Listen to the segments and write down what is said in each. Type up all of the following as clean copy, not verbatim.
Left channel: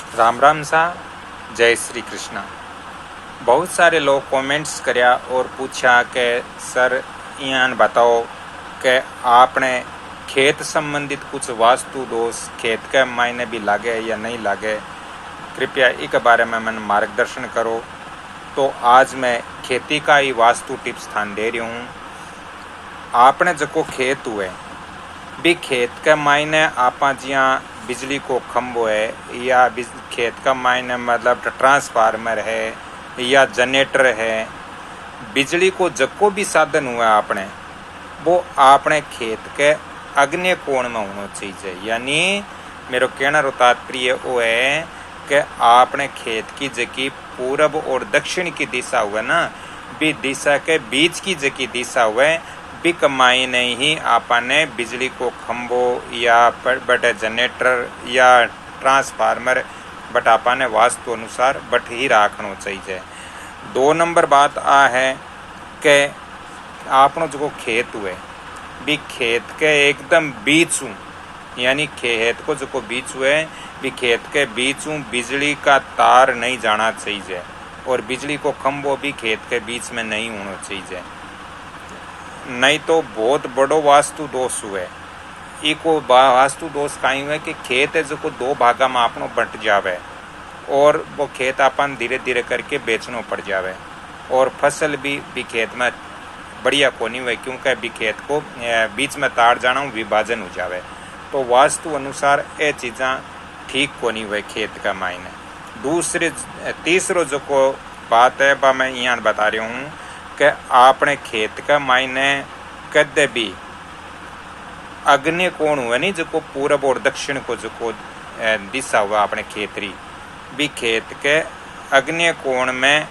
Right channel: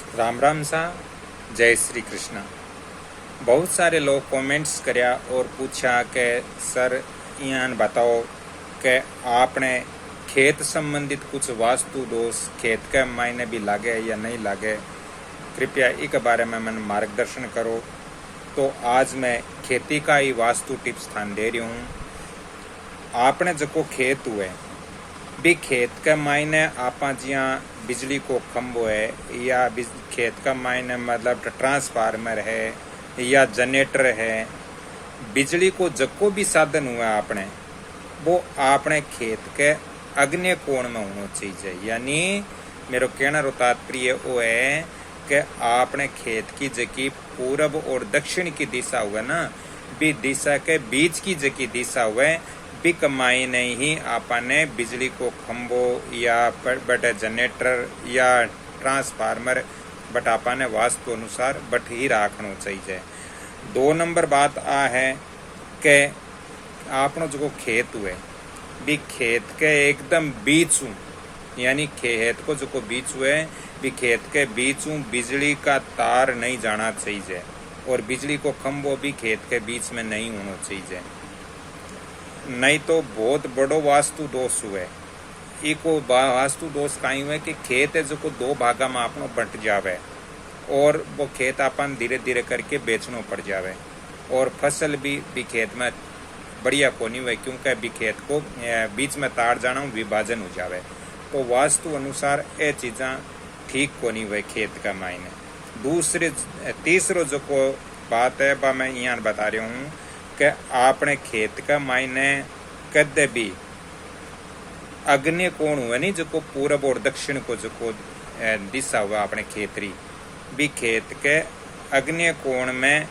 राम राम सा। जय श्री कृष्णा। बहुत सारे लोग कमेंट्स करया और पूछा कि सर यान बताओ कि आपने खेत संबंधित कुछ वास्तु दोष खेत के मायने भी लागे या नहीं लागे, कृपया इस बारे में मन मार्गदर्शन करो। तो आज मैं खेती का ही वास्तु टिप्स थान दे रही हूँ। आपने जो खेत हुए भी खेत के मायने आपा जिया बिजली को खंभो है या खेत का मायने मतलब ट्रांसफार्मर है या जनरेटर है, बिजली को जको भी साधन हुआ आपने वो आपने खेत के अग्नि कोण में होना चाहिए। यानी मेरा कहना रो तात्पर्य वो है कि आपने खेत की जकी पूरब और दक्षिण की दिशा हुआ ना, भी दिशा के बीच की जकी दिशा हुआ भी कमाई नहीं ही आपने बिजली को खंभो या बटे जनरेटर या ट्रांसफार्मर बट आपने वास्तु अनुसार बट ही रखना चाहिए। 2 नंबर बात आ है कि आपनो जो खेत हुए भी खेत के एकदम बीच हूँ, यानी खेत को जो बीच हुए भी खेत के बीच हूँ बिजली का तार नहीं जाना चाहिए और बिजली को खंभो भी खेत के बीच में नहीं होना चाहिए, नहीं तो बहुत बड़ो वास्तु दोष हुए। इको वास्तु दोष कहीं हुए कि खेत है जो 2 भागा में आपनो बंट जावे और वो खेत अपन धीरे धीरे करके बेचना पड़ जावे और फसल भी खेत में बढ़िया को नहीं हुए क्योंकि भी खेत को बीच में तार जाना विभाजन हो जावे। तो वास्तु अनुसार ये चीज़ा ठीक को नहीं हुए खेत का मायने। तीसरो जो को बात है बा मैं यहाँ बता रही हूँ कि आपने खेत का मायने कदे भी अग्नि कोण हुआ नहीं जो पूरब और दक्षिण को जो दिशा हुआ आपने खेतरी भी खेत के अग्नि कोण में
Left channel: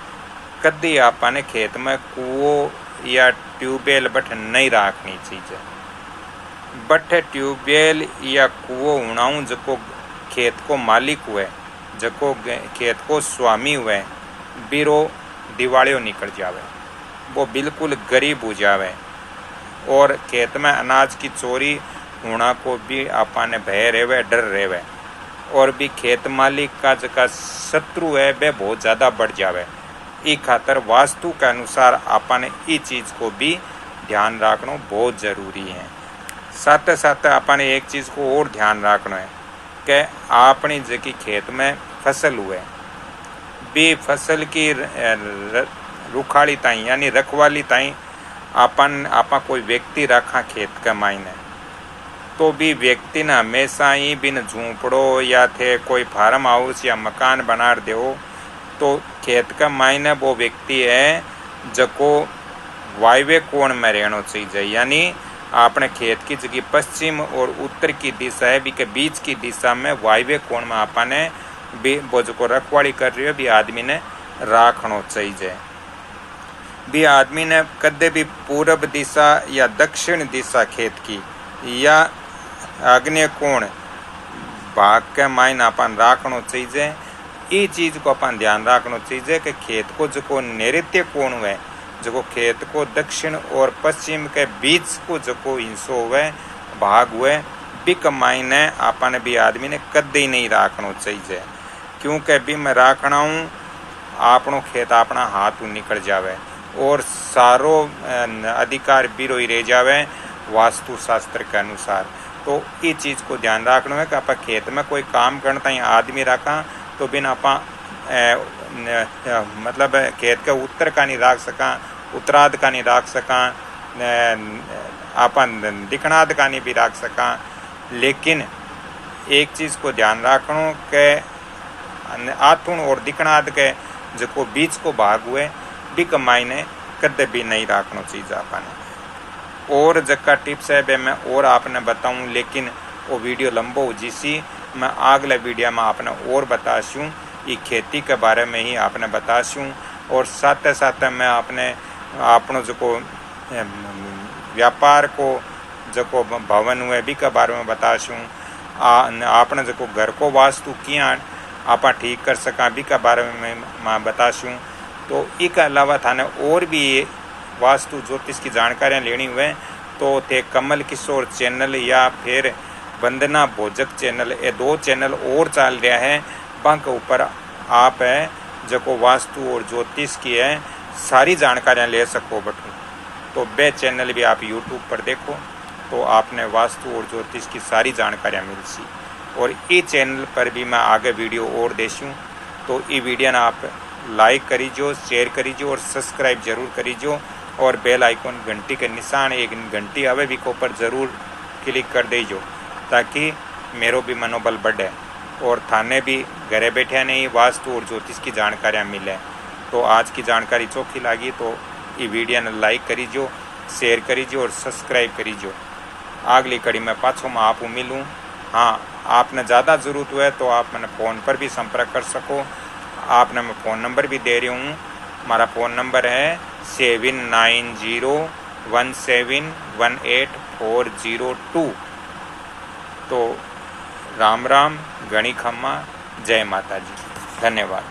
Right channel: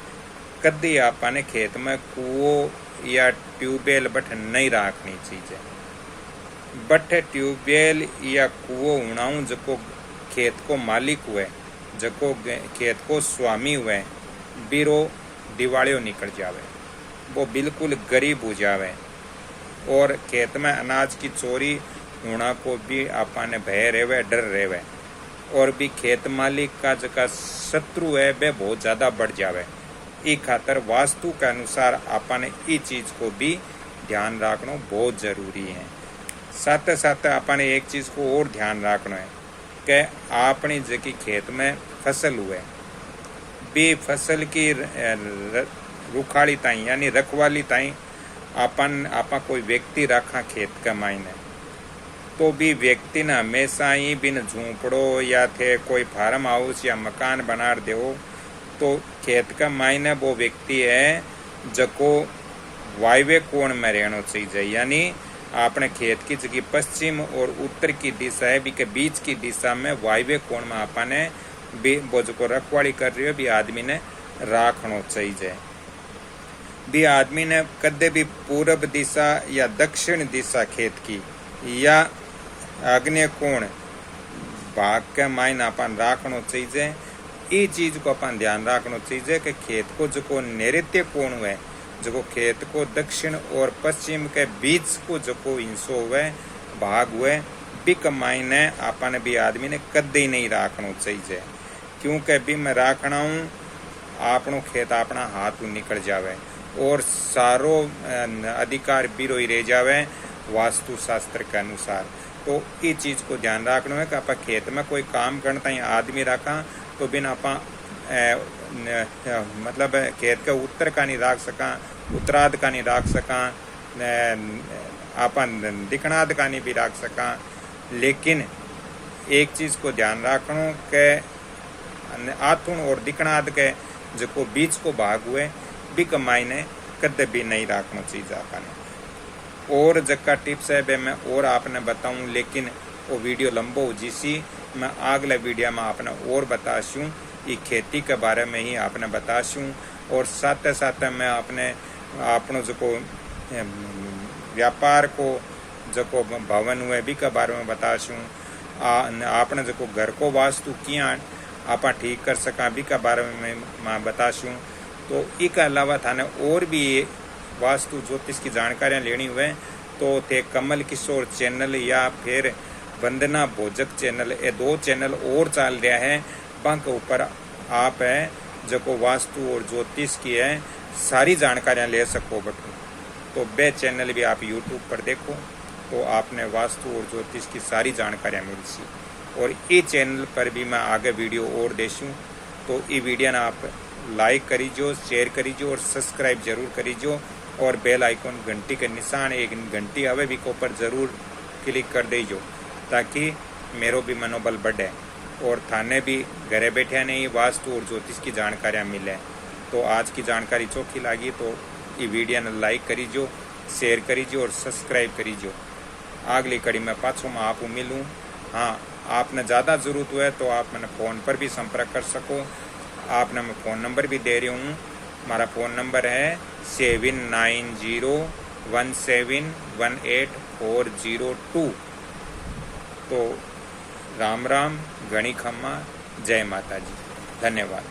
कदी आपने खेत में कुओं या ट्यूबवेल बट नहीं रखनी चाहिए। बट ट्यूबवेल या कुओं होना जो खेत को मालिक हुए जो खेत को स्वामी हुए बिरो दिवालियों निकल जावे, वो बिल्कुल गरीब हो जावे और खेत में अनाज की चोरी होना को भी आपने भय रेवे डर रेवे और भी खेत मालिक का जका शत्रु है वह बहुत ज़्यादा बढ़ जावे। ई खातर वास्तु के अनुसार आपने ई चीज़ को भी ध्यान रखना बहुत ज़रूरी है। साथ साथ आपने एक चीज़ को और ध्यान रखना है कि अपनी जकी खेत में फसल हुए भी फसल की रुखाली ताई यानी रखवाली ताई आपा कोई व्यक्ति रखा खेत के मायने तो भी व्यक्ति ने हमेशा ही बिन झूंपड़ो या थे कोई फार्म हाउस या मकान बना दो तो खेत का मायने वो व्यक्ति है जको वायव्य कोण में रहना चाहिए। यानी आपने खेत की जगह पश्चिम और उत्तर की दिशा है भी के बीच की दिशा में वायव्य कोण में आपने भी वो जो रखवाली कर रही हो भी आदमी ने रखना चाहिए। भी आदमी ने कदे भी पूरब दिशा या दक्षिण दिशा खेत की या आग्नेय कोण भाग के मायने अपन रखना चाहिए। ये चीज को अपन ध्यान रखना चाहिए कि खेत को जो नैऋत्य कोण हुए जो खेत को दक्षिण और पश्चिम के बीच को जो हिस्सों हुए भाग हुए बिक मायने अपन भी आदमी ने कदे ही नहीं रखना चाहिए क्योंकि भी मैं रखना हूँ आपनो खेत अपना हाथ निकल जावे और सारो अधिकार बिरो ही रह जावे वास्तु शास्त्र के अनुसार। तो ये चीज़ को ध्यान रखना है कि आप खेत में कोई काम करता है आदमी रखा तो बिना आप मतलब खेत के उत्तर का नहीं रख सका, उत्तराध का नहीं रख सका, आप दक्षिणाध का नहीं भी रख सका। लेकिन एक चीज़ को ध्यान रखना कि आथुन और दक्षिणाध के जो बीच को भाग हुए बिक मायने कदे भी नहीं रखना चाहिए आपने। और जगह टिप्स है वे मैं और आपने बताऊं लेकिन वो वीडियो लंबो हो जिसी मैं अगले वीडियो में आपने और बताशूँ ये खेती के बारे में ही आपने बताशूँ और साथ साथ मैं आपनो जो व्यापार को जो भवन हुए भी के बारे में बताशूँ। आपने जो घर को वास्तु किया आप ठीक कर सका भी के बारे में मैं बताशूँ। तो इसके अलावा थाने और भी वास्तु ज्योतिष की जानकारियाँ लेनी हुए तो थे कमल किशोर चैनल या फिर वंदना भोजक चैनल, ये 2 चैनल और चल रहा है बंक ऊपर आप है जो वास्तु और ज्योतिष की है सारी जानकारियाँ ले सको बटू। तो बे चैनल भी आप यूट्यूब पर देखो तो आपने वास्तु और ज्योतिष की सारी जानकारियाँ मिल सी। और ये चैनल पर भी मैं आगे वीडियो और देशूँ, तो ये वीडियो ना आप लाइक करीजो, शेयर करीजो और सब्सक्राइब जरूर करीजो। और बेल आइकॉन घंटी के निशान एक घंटी आवे भी को पर ज़रूर क्लिक कर दीजो ताकि मेरो भी मनोबल बढ़े और थाने भी घरे बैठे नहीं वास्तु और ज्योतिष की जानकारियाँ मिले। तो आज की जानकारी चोखी लगी तो ये वीडियो ने लाइक करीजो, शेयर करीजो और सब्सक्राइब करीजो। अगली कड़ी में पाछो में आप मिलूँ। हाँ, आपने ज़्यादा ज़रूरत हुए तो आप मैंने फ़ोन पर भी संपर्क कर सको। आपने मैं फ़ोन नंबर भी दे रही हूँ। हमारा फ़ोन नंबर है 7901718402। तो राम राम, गणी खम्मा, जय माता जी, धन्यवाद।